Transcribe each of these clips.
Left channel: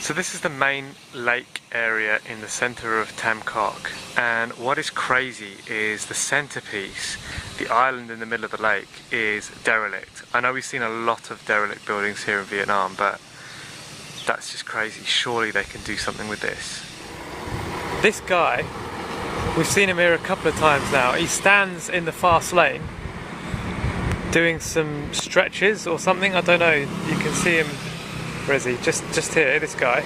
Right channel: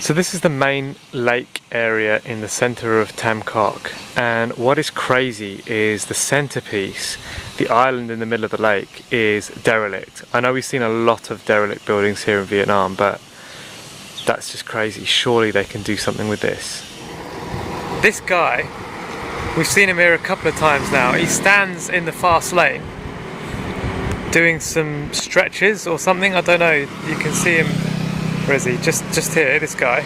So this is the main lake area in the centre of Tam Coc, and what is crazy is the centrepiece, the island in the middle of the lake, is derelict. I know we've seen a lot of derelict buildings here in Vietnam, but that's just crazy. Surely they can do something with this. This guy, we've seen him here a couple of times now. He stands in the fast lane doing some stretches or something, I don't know. You can see him. Where is he? Just here, this guy.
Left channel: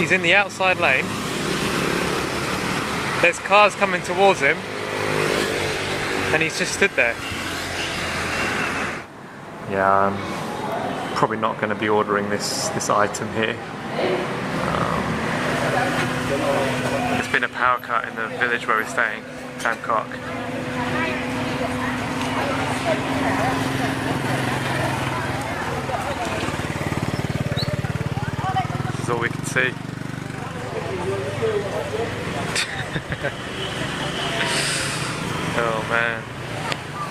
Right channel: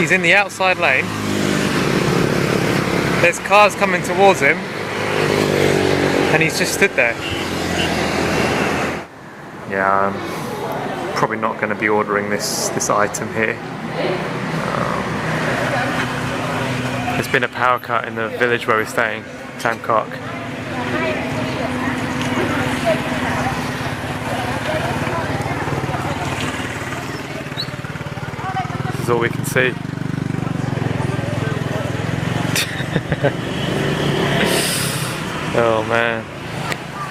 He's in the outside lane. There's cars coming towards him, and he's just stood there. Yeah, I'm probably not going to be ordering this item here. There's been a power cut in the village where we're staying, Tam Coc. This is all we can see. Oh man.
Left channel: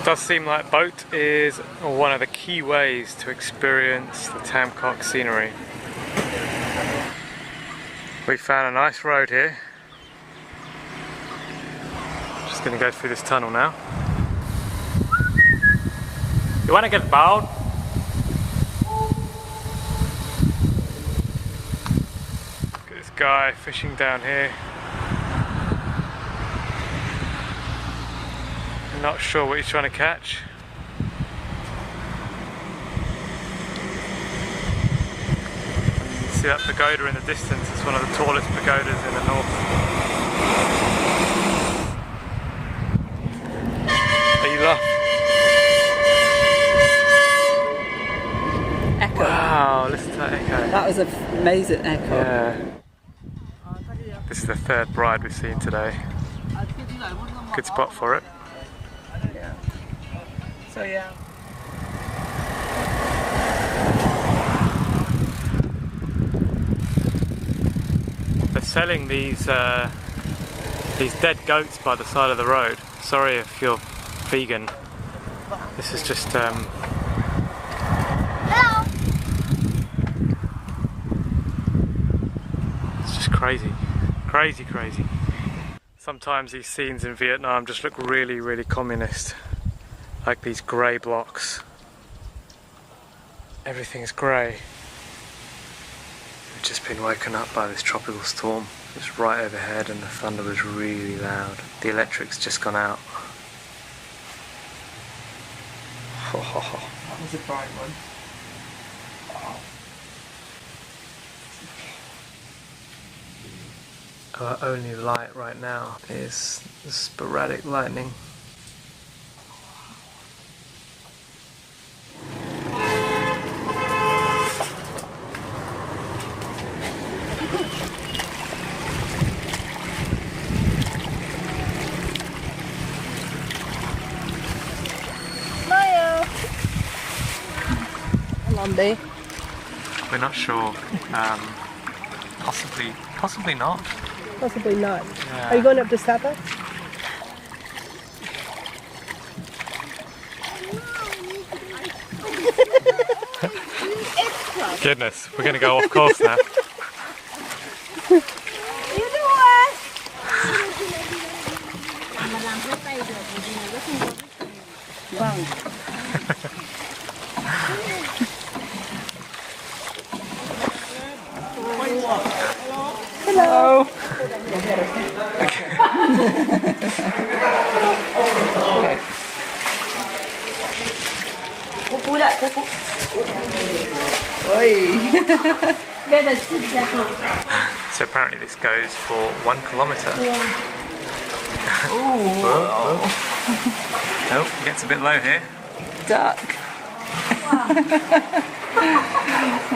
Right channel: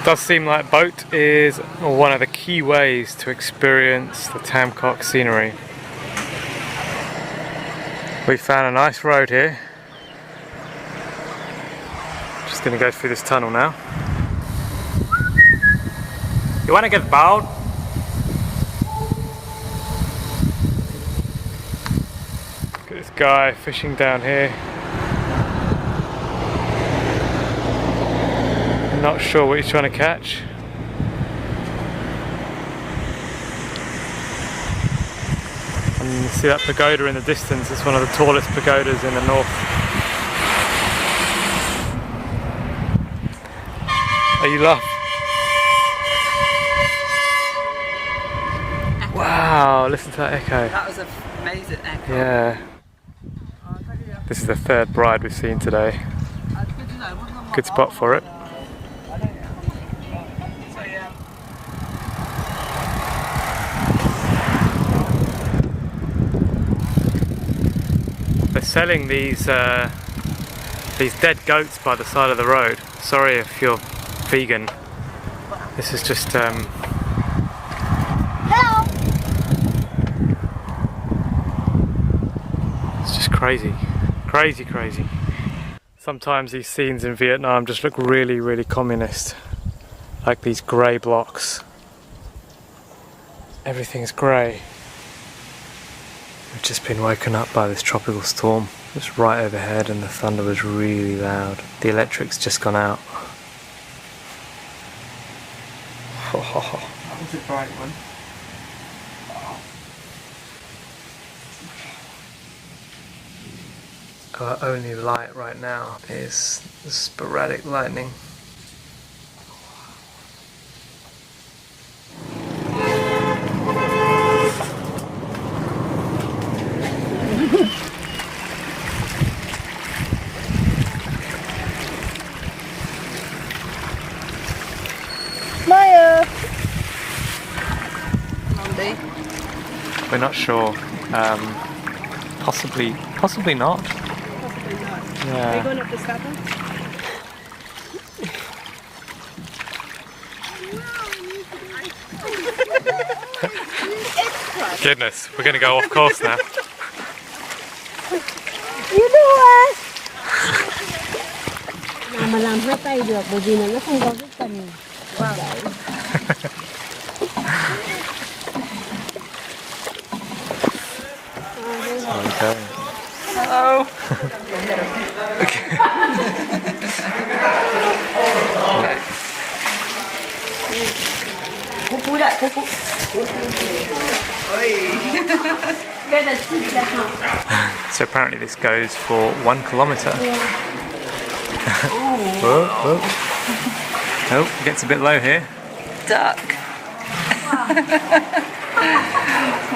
Does seem like boat is one of the key ways to experience the Tam Coc scenery. We found a nice road here. Just gonna go through this tunnel now. You wanna get the boat? Look at this guy fishing down here. Not sure what he's trying to catch. And you see that pagoda in the distance. It's one of the tallest pagodas in the north. Are you laughing? Echo. Wow, listen to that echo. That was an amazing echo. Yeah. This is the third bride we've seen today. Good spot for it. So yeah. They're selling these dead goats by the side of the road. Sorry if you're vegan. This is just it's just crazy. Crazy. Sometimes these scenes in Vietnam just look really, really communist. Like these grey blocks. Everything's grey. We've just been woken up by this tropical storm. It's right overhead and the thunder was really loud. The electric's just gone out. That was a bright one. Our only light right now is the sporadic lightning. Maya! Lombi. We're not sure. Possibly not. Possibly not. Yeah. Are you going up to Sapa? Goodness, we're going to go off course now. You do it! Mà làm hết tay được bởi vì nó không có cái cần vào lại. Okay. Hello. Cú lại, cú. So apparently this goes for 1 kilometre. Ooh. Oh, gets a bit low here. Duck.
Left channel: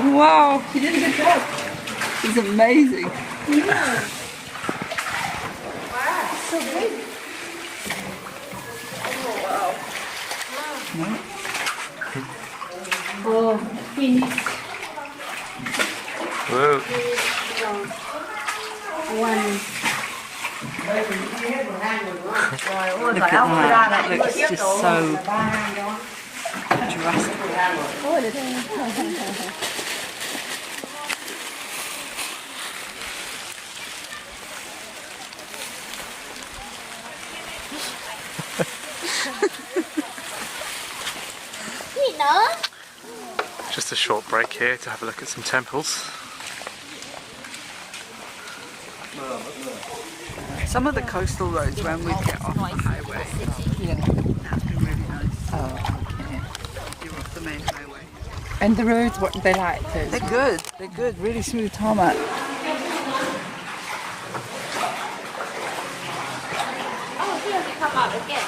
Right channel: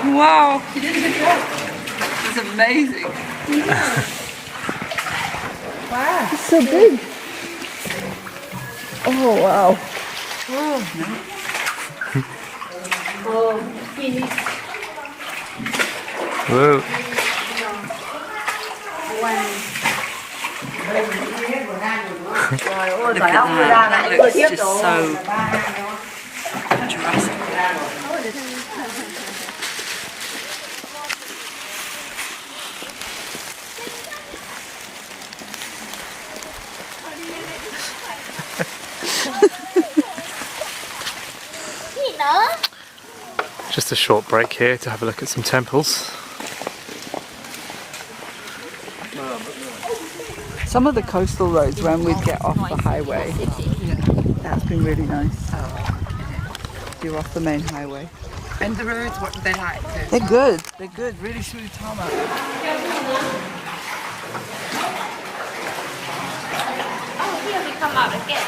Wow. This is amazing. Wow, it's so big. Oh, wow. Oh, finish. Whoa. One. Look at that. That looks just so Jurassic. Just a short break here to have a look at some temples. Some of the coastal roads when we get off the highway, yeah, that's been really nice. Oh, okay. You're off the main highway. And the roads, what they like to. They're good. They're good. Really smooth tarmac. Oh, here we come out again.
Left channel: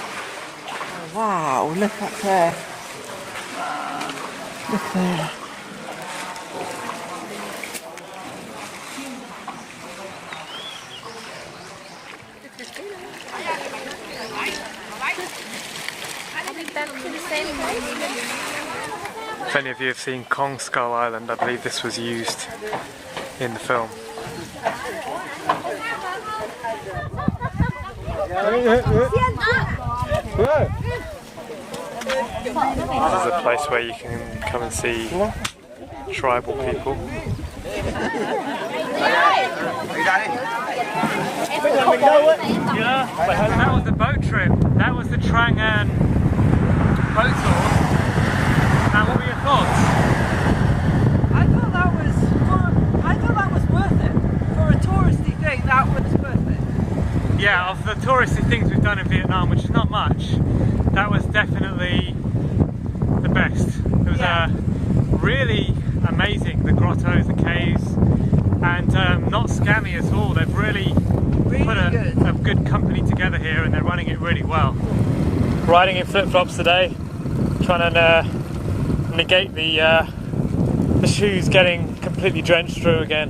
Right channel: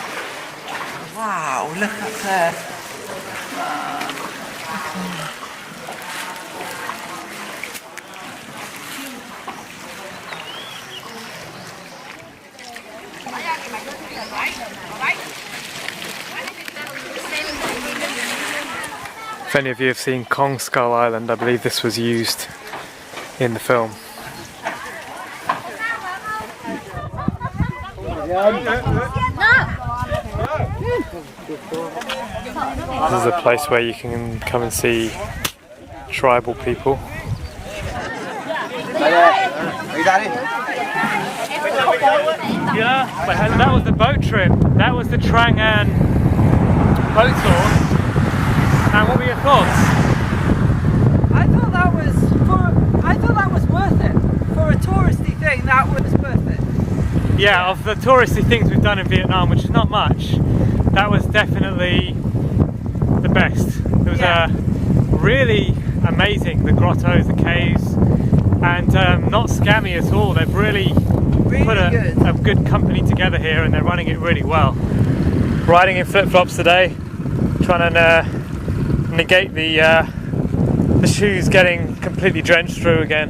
Wow! Look at there. Look there. If any of you have seen Kong Skull Island, I believe this was used in the film. This is a place where you can come and see tribal people. Yeah, that was the boat trip. That was the Trang boat tour. And what were your thoughts? I thought that was worth it. For a touristy thing, that was worth it. Yeah, of the touristy things we've done in Vietnam, which is not much, that was definitely the best. It was really amazing, the grottos, the caves, and not scammy at all. They've really put a good company together here, and they're running it really well. Riding in flip-flops today, trying to negate the shoes getting completely drenched through again.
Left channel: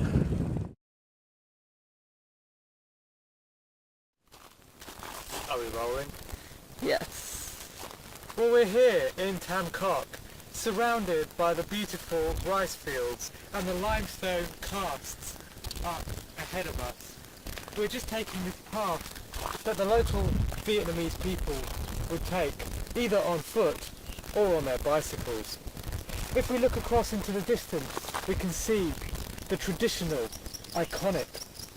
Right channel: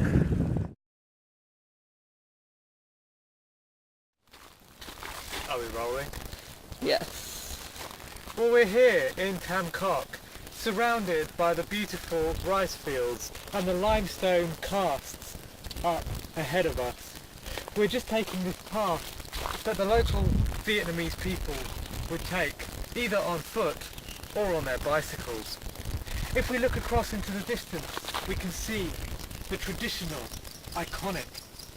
Are we rolling? Yes. Well, we're here in Tam Coc, surrounded by the beautiful rice fields and the limestone casts up ahead of us. We're just taking this path that the local Vietnamese people would take, either on foot or on their bicycles. If we look across into the distance, we can see the traditional, iconic,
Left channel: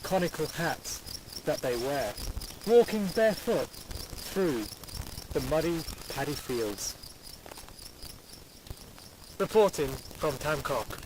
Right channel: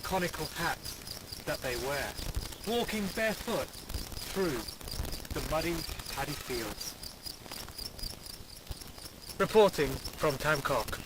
conical hats that they wear, walking barefoot through the muddy paddy fields. Reporting from Tam Coc.